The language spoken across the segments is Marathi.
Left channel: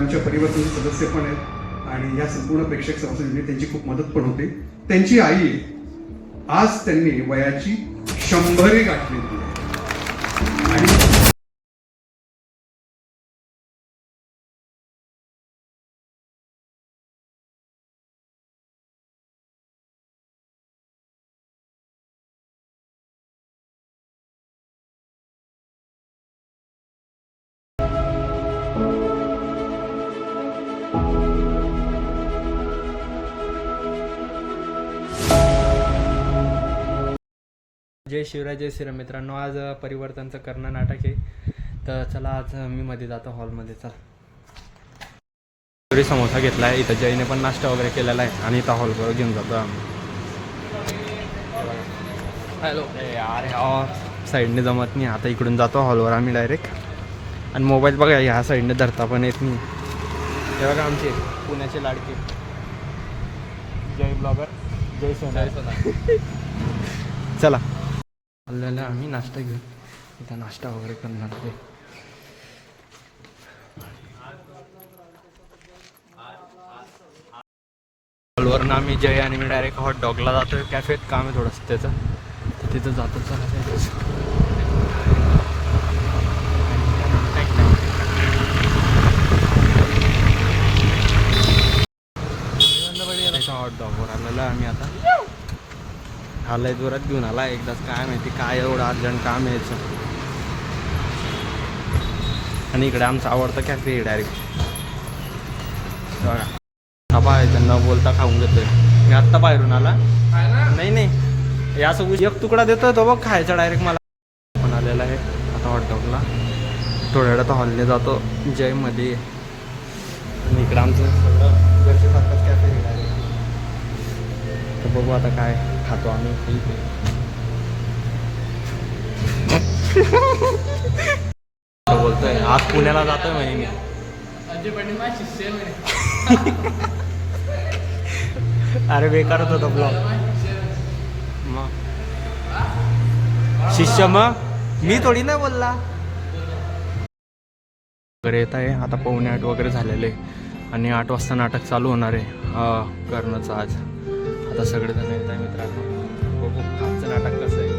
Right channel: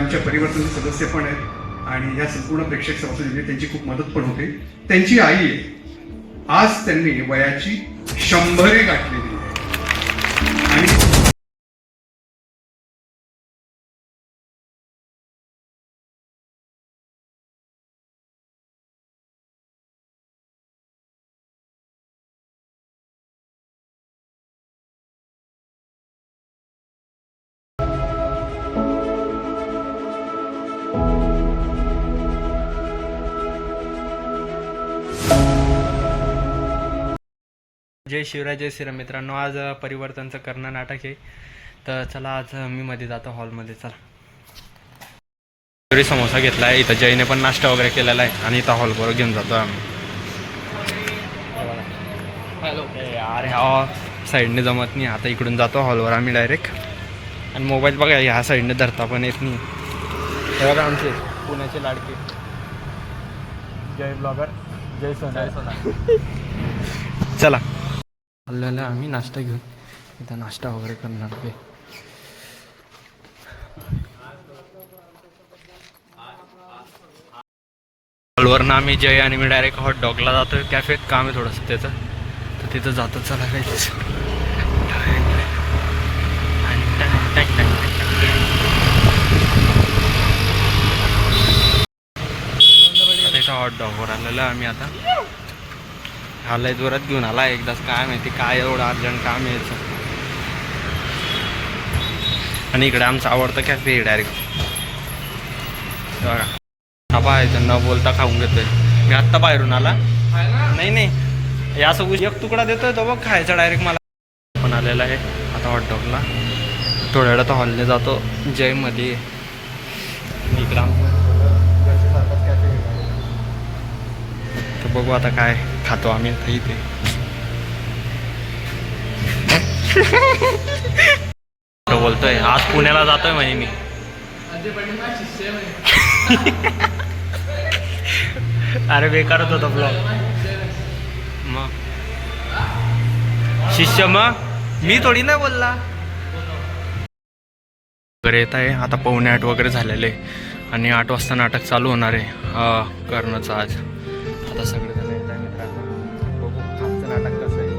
आमच्या परिवर्तन सदस्य पण आहेत आणि या संपूर्ण प्रेक्षक सभासदांनी त्यांची खूप मदत पण होते. त्यांची आई आहे, आज त्यांनी वयाची 100 गाठलेली आहे आणि जय शिवराय जय श्रीराम. मित्रांनो, आज परिवर्तनचं करणं नाटक आहे. तर चला आज मी मध्ये जातो हॉलमध्ये. चला समोसा घेतला आहे. इथं जयने पण नाश्ता वगैरे केलेला आहे आणि इथं हॉलवर घेऊन जातो आम्ही. हॅलो यार, साईडने जमत नाही. आता इकडून जातो हॉलवर आम्ही डायरेक्ट. आणि मोबाईल बघा ह्या साईडने धरता पण येत नाही. हे बघा आमचे पुण्याचे लाडके जय ब्लॉगर जय सोना. चला आलेला आम्ही नाश्ता घेऊन इथं नाश्ता वगैरे करणार आहे. हॉलवरनं आम्ही जय आणि मी डायरेक्ट हॉट डॉगला जातो. कॅफेत काम आहे थोडंसं त्याचं, तर तिथं जातो. चला काही त्याच्या हॉट डॉगवर आलेलं आम्ही आता. आलाय जोरात घेऊन आला एकदाच. काय माहिती काय एवढं अर्जंट काम यायचं. आणि इकडे आमचं आवडतं कॅफे आहे डायरेक्ट. बघा हा पाहायचं न बोलता खाऊन घेतोय. मी आत्ता बाहेरून आला. नाही यासोबत एक तुकडा देतोय तो बघ खायचा डायरेक्ट. मला पण आलेला आहे आता हॉटडॉगला. थोड्या वेळात हॉलने जातो जयमध्ये. इकडे आमचं घरच्या सारखाच कॅफे आहे डायरेक्ट. तर बघू आता काय खातो आम्ही इथे. बोलतोय आज पुण्याला जातोय म्हणे मी. अरे बेकारच होता ब्लॉग. मग शिष्य मग मी थोडी नाही बोलला वगैरे. येत आहे आता 7:45 वगैरे झालेले आणि 8 वाजता नाटक चालू होणार आहे कर्णचं आज. आता सगळेजण येत आहे मित्रांनो. बघू आजचं नाटक कसं आहे.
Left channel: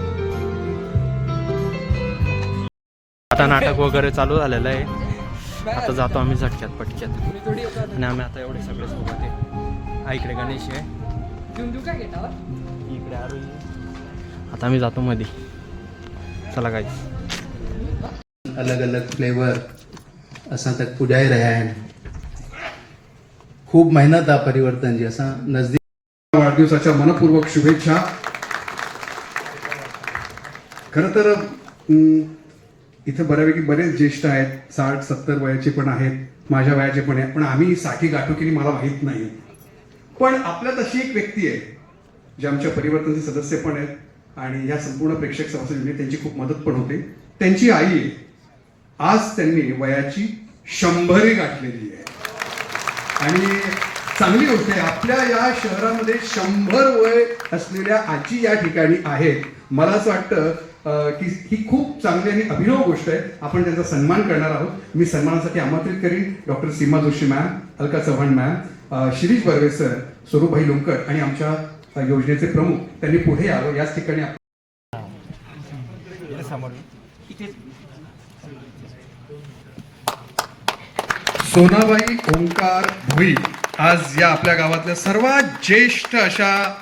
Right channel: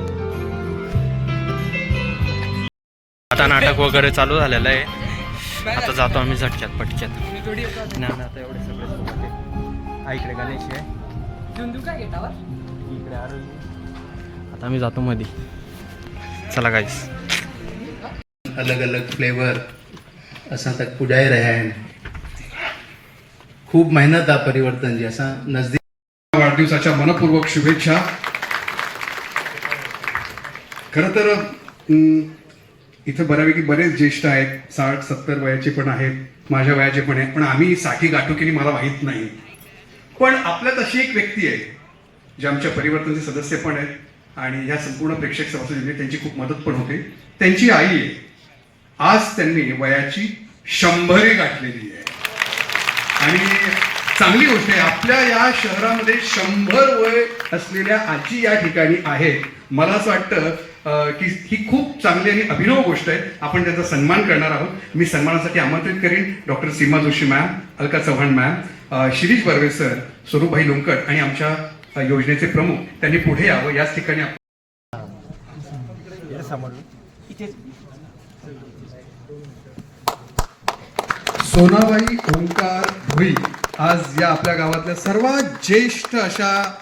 आता नाटक वगैरे चालू झालेलं आहे. आता जातो आम्ही झटक्यात पटक्यात. आणि आम्ही आता एवढे सगळे सोबत आहे. हा इकडे गणेश आहे, इकडे आरोही. आता आम्ही जातो मध्ये. चला गाइस. अलग अलग फ्लेवर असा तक पुजाई रहा है. खूप मेहनत आ परिवर्तन जी असा नजदीक. वाढदिवसाच्या मनपूर्वक शुभेच्छा. खरं तर इथं बऱ्यापैकी बरेच ज्येष्ठ आहेत. 60-70 वयाचे पण आहेत, माझ्या वयाचे पण आहेत. पण आम्ही 60 गाठू की मला माहीत नाही. पण आपल्यात अशी एक व्यक्ती आहे जे आमच्या परिवर्तनचे सदस्य पण आहेत आणि या संपूर्ण प्रेक्षक सभासदांनी त्यांची खूप मदत पण होते. त्यांची आई आहे, आज त्यांनी वयाची 100 गाठलेली आहे. आणि चांगली गोष्ट आहे, आपल्या या शहरामध्ये 100 वय असलेल्या आजी या ठिकाणी आहेत. मला असं वाटतं की ही खूप चांगली आणि अभिनव गोष्ट आहे. आपण त्यांचा सन्मान करणार आहोत. मी सन्मानासाठी आमंत्रित करीन doctor Seema Joshi ma'am, Alka Chavan ma'am, Shirish Barve sir, Swarupbhai Lonkat आणि आमच्या योजनेचे प्रमुख. त्यांनी पुढे यावं. याच ठिकाणी सोनाबाई ओंकार भोई आज या आपल्या गावातल्या सर्वात ज्येष्ठ अशा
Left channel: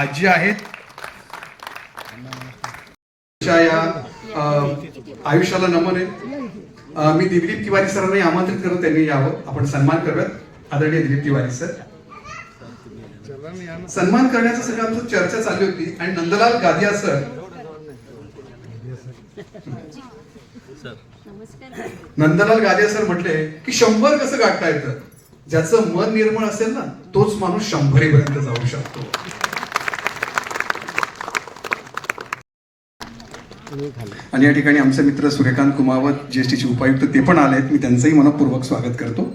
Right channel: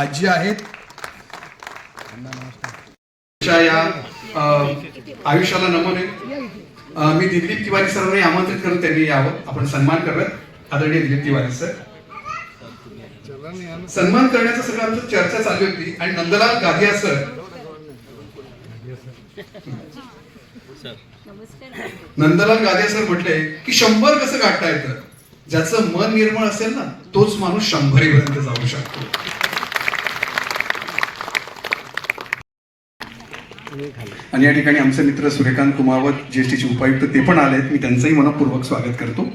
आजी आहेत. या आयुष्याला नमन आहे. मी दिलीप तिवारी सरांनी आमंत्रित करून त्यांनी यावं. आपण सन्मान करूयात. आदरणीय दिलीप तिवारी सर. सन्मान करण्याचं सगळं आमचं चर्चा चालली होती आणि नंदलाल गाधिया सर म्हटले की 100 कसं गाठता येतं. ज्याचं मन निर्मळ असेल ना तोच माणूस 100 पर्यंत जाऊ शकतो. आणि या ठिकाणी आमचे मित्र सूर्यकांत कुमावत जीएसटीचे उपायुक्त ते पण आले आहेत. मी त्यांचंही मनपूर्वक स्वागत करतो.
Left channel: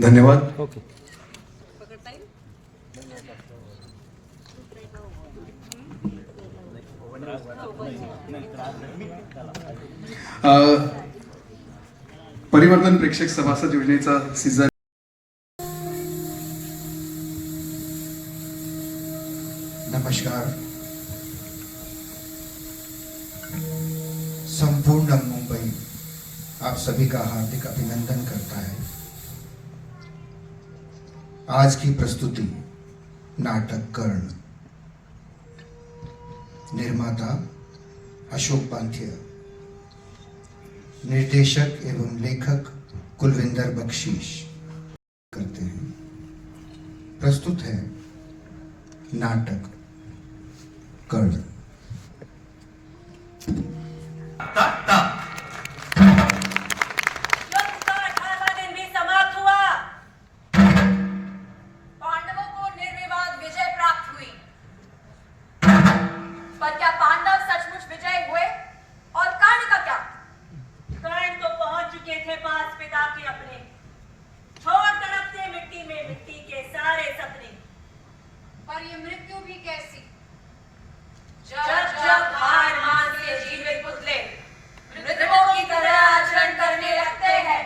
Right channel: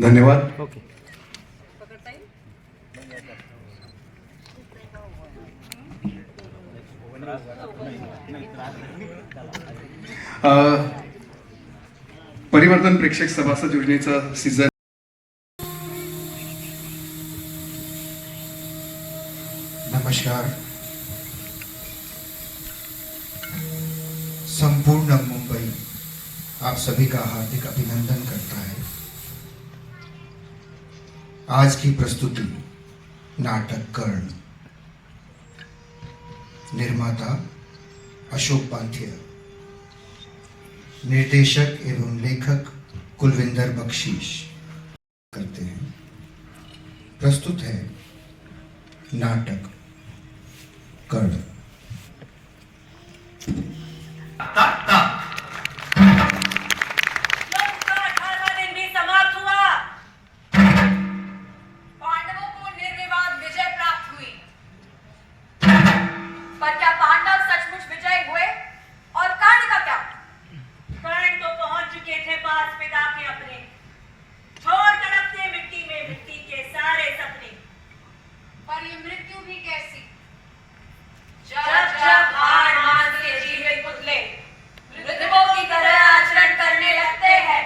धन्यवाद. परिवर्तन प्रेक्षक सभासद योजनेचा सीझन नमस्कार। संपूर्ण मुंबई आप सभी का हार्दिक अभिनंदन करता है। आज की प्रस्तुति नाटक कर्ण, निर्माता अशोक पांथिया, निर्देशक एवं लेखक कुलविंदर बख्शीश करते हैं। प्रस्तुत है नाटक कर्ण। दिन भी समाप्त हुआ। पांडवों को निर्विवाद विजय प्राप्त हुई, पर क्या पांडव सचमुच विजय हुए? और कर्ण का क्या? कर्ण तो पहुंच चुके थे पास पिता के अपने, छोड़ तड़पते मिट्टी में मिट्टी के सारे सपने। पर ये मृत्यु भी कैसी? जब जब हार मान के जीवित पुतले मृतकों की तरह आचरण करने लगते हैं,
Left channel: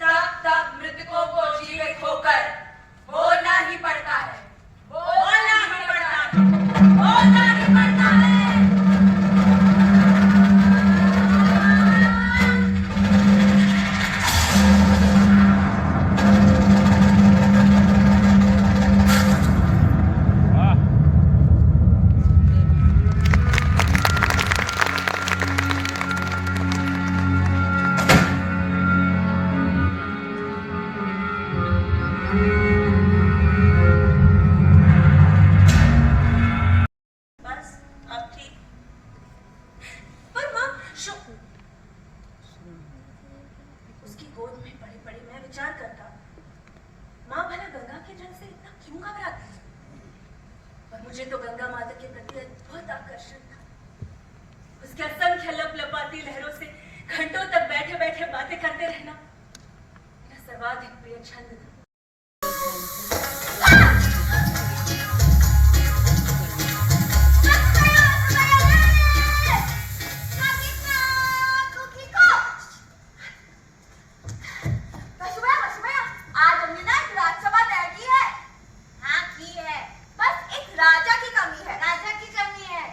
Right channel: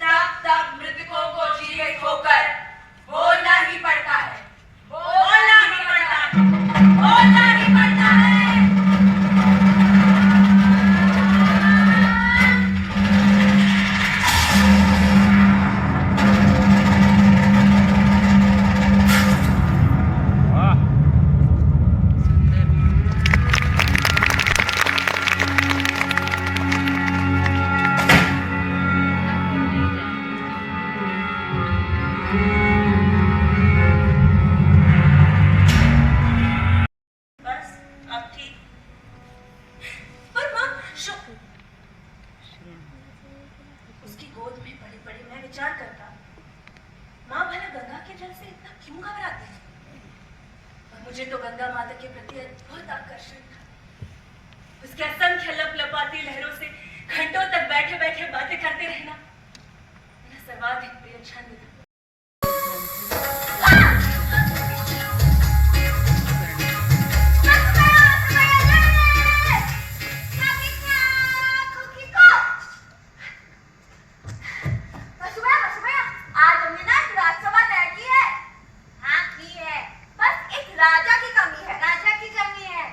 तब तब मृतकों को जीवित होकर बोलना ही पड़ता है, बोलना ही पड़ता है, बोलना ही पड़ता है। बस अब ठीक। पर माँ उसकी गोद में पड़ी पड़ी मैं विचार करता, माँ भला गंगा के जल से इतना क्यों घबराती है? और मुझे तो गंगा माता के प्रति अद्भुत आकर्षण था। उसके असंख्य लपलपाती लहरों से घंटों तक बैठे बैठे बातें करते रहना मेरा सर्वाधिक प्रिय छंद था। आज हमने ना एक राजसभा तय की है। हाँ की है, बस एक राजा की कमी है। राजा की कमी है?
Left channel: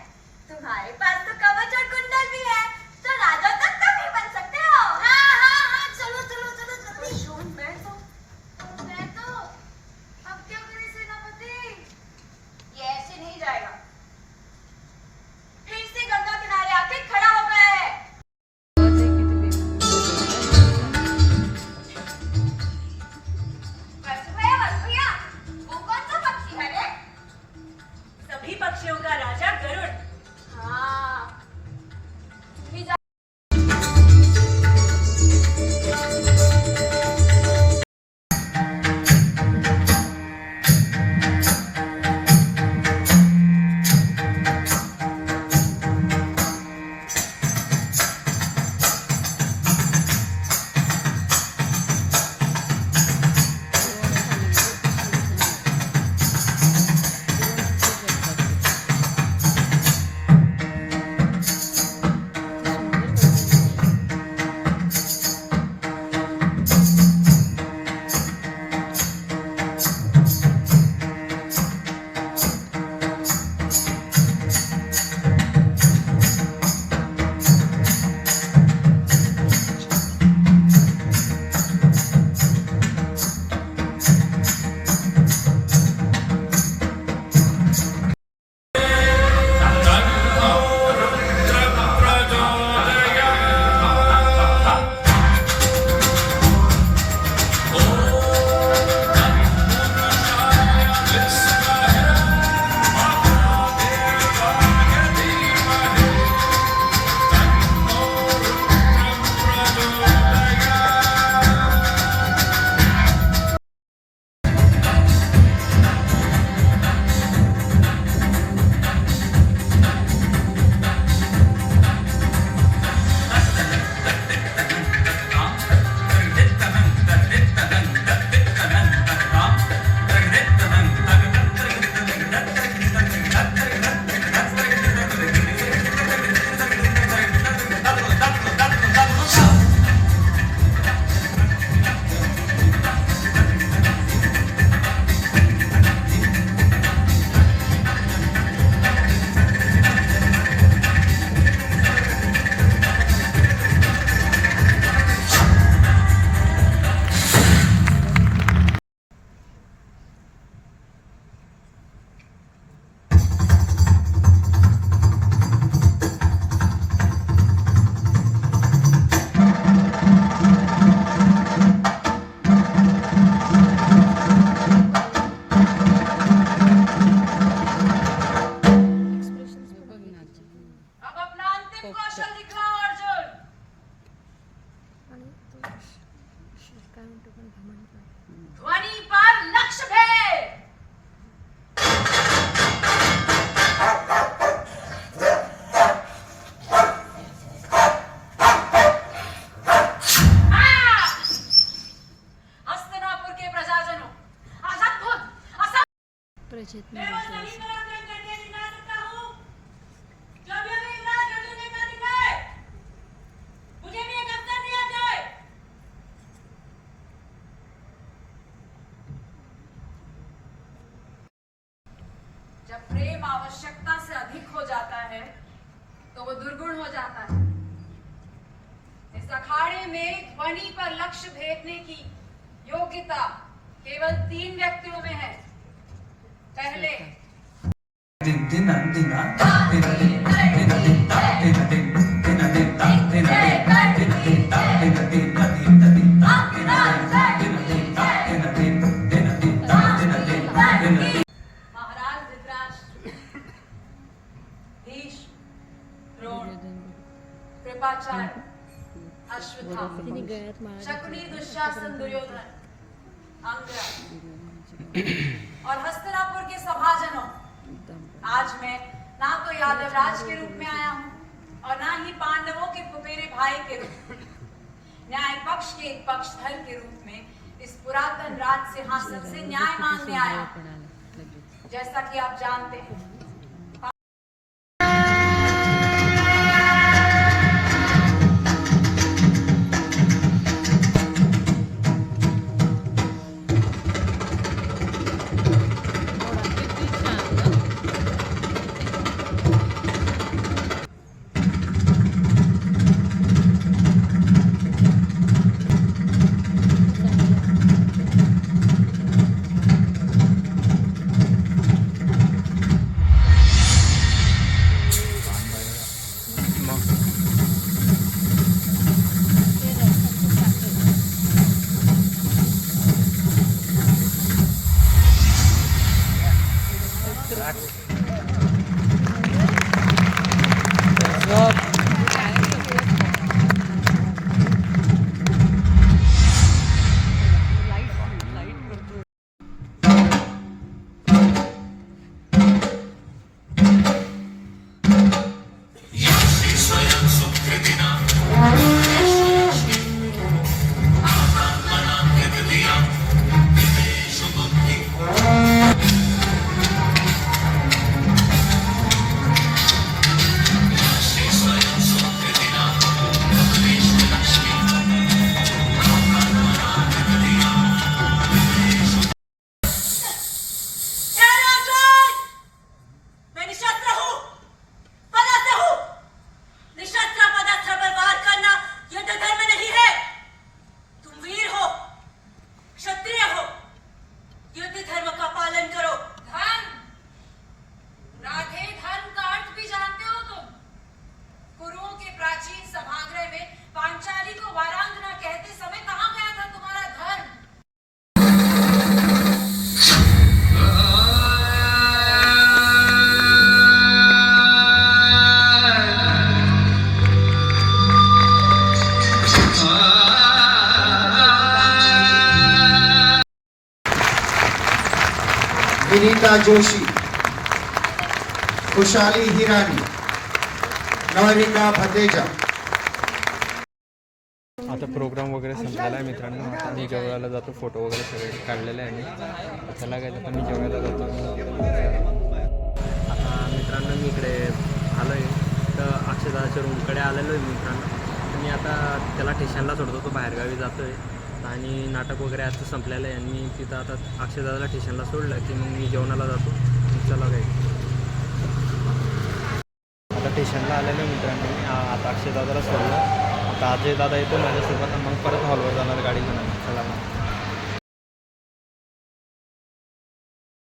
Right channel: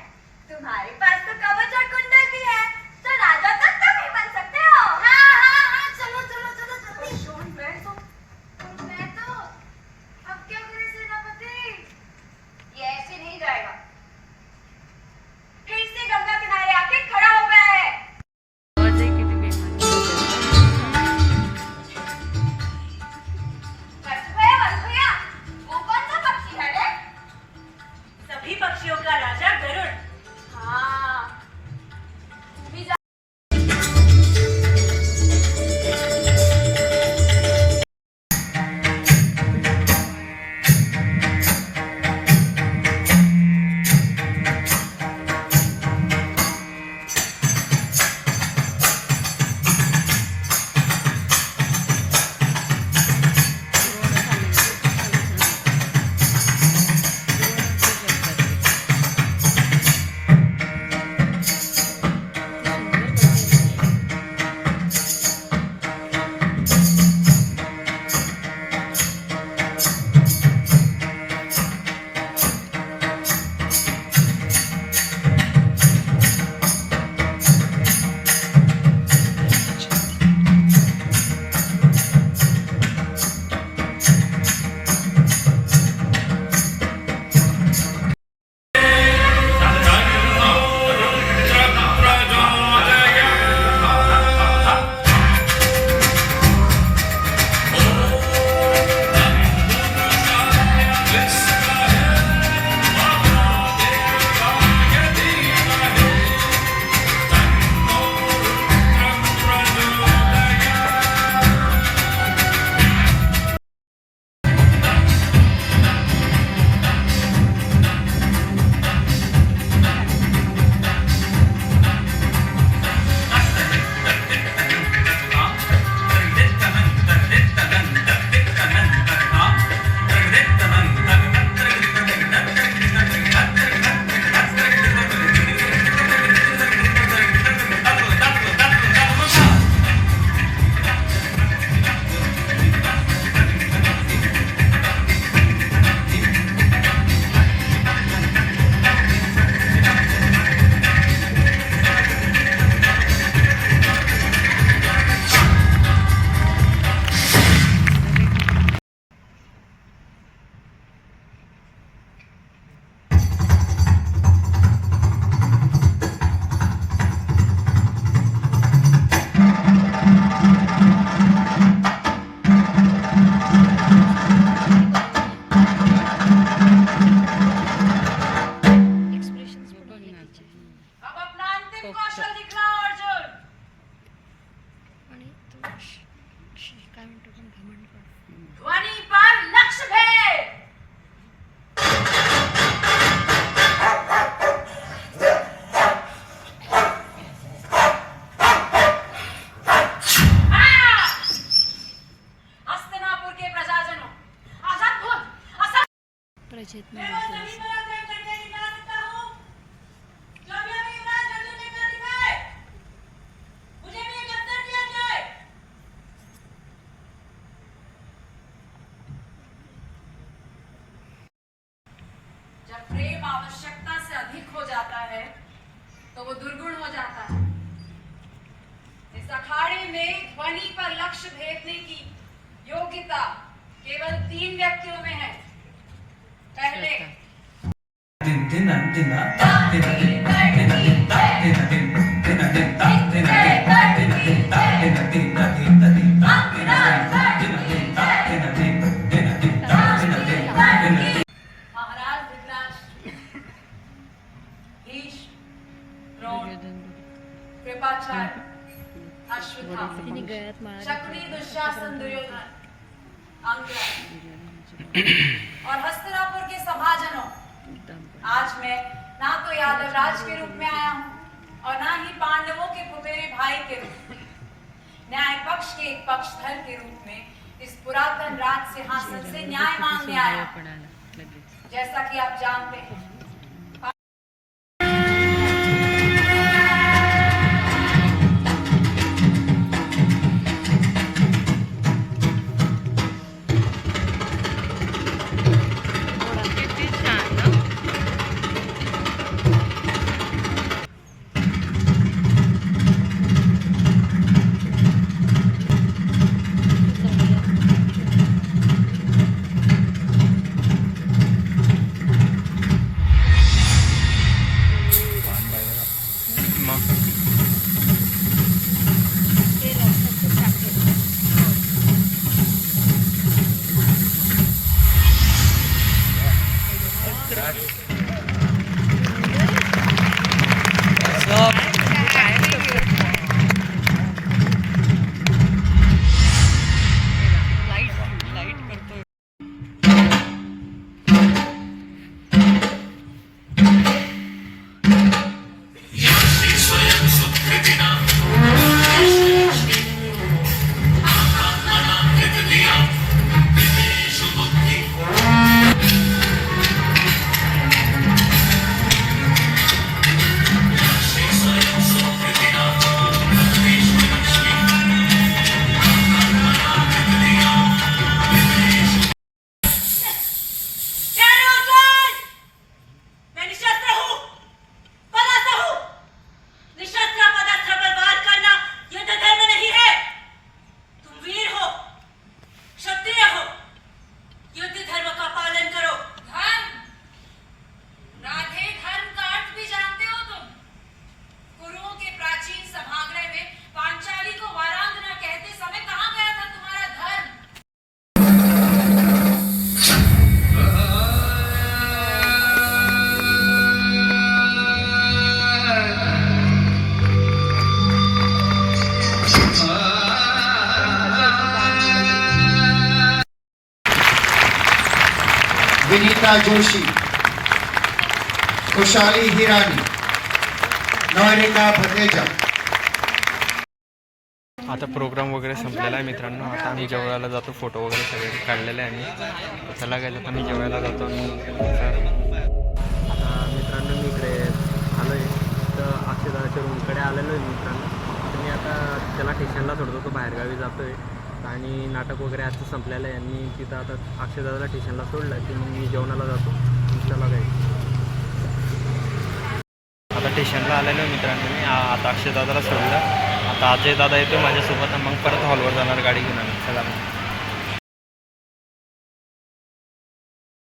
तुम्हारे पास तो कवच और कुंडल भी है, तो राजा तक तुम ही बन सकते हो। हाँ हाँ हाँ, चलो चलो चलो जल्दी। मैं तो प्रचेत मैं वो सभी पराक्रम करके दिखा सकता हूँ जो अभी हमें युवराज नंदू ने कर दिखाए। मुझे भी एक अवसर दिया जाए। जब प्रेम आवश्यकता से अधिक हो जाता है तो वो दुर्गुण हो जाता है। इस अखाड़े में ध्वनि पर लक्ष्य भेदने की योग्यता केवल 3 व्यक्तियों में है। पहले महाराज धृतराष्ट्र, भीष्म, द्रोण, कृपाचार्य, अश्वत्थामा, तिने गळ्यात माळा शकुनी, दुशासन, दुर्योधन, अंगद और हस्तिनापुर के सभाजनों, आज मैं ना तो यादव राज के रूप में आया हूँ और ना ही पांडवों के पुतेरे भाई के रूप में, न्याय पक्ष के एक पक्षधर के रूप में इस पुरातन राज सिंहासन से न्याय मांगने आया हूं। जैसा कि आप जानते हैं, किती छान ना. मग ते रथाचं चाक आहे. काय लाईट करतो. मैं निशस्त्र हूँ, पदास्त्र हूँ। निशस्त्र पदास्त्र पर वार करना युद्ध धर्म नहीं है। तुम वीर हो, क्षत्रिय हो, युद्ध धर्म का पालन करो। धर्म, राधे धर्म का अर्थ भी जानते हो तुम? कुरुओं के प्राचीन सभागृह में पांचाली को वारांगना कहते समय कहाँ गया था तुम्हारा धर्म? विनीता जोशी, खुशाली हिरानी, नवरिका भतेजा. आता प्रोग्राम वगैरे संपलेला आहे मित्रांनो. आता आम्ही जेवायला जातो. फोटो वगैरे सगळे काढलेले आहे आम्ही. तर चला काय आता मी जेवायला जातो. आता मित्रांनो मी इकडे आलो आहे तर अक्षयदाच्या रूमकडे आलेलो आहे मित्रांनो. तर मी आता त्याला स्टेशनला सोडतो. तो बाहेरगावी जातो आहे आणि नाटक वगैरे आजचं संपलेलं आहे आणि मी तिथं आता अक्षयदादाला स्टेशनला सोडलं की मग मी जेवणाला जातो. चला काय आता स्टेशनला आलेलो आहे मित्रांनो मी. आता अक्षयदादाला सोडलं. आता अजय दादा येतो माझ्यासोबत. मग परत हॉलवर जाणार गाडी घेऊन आम्ही. चला मग.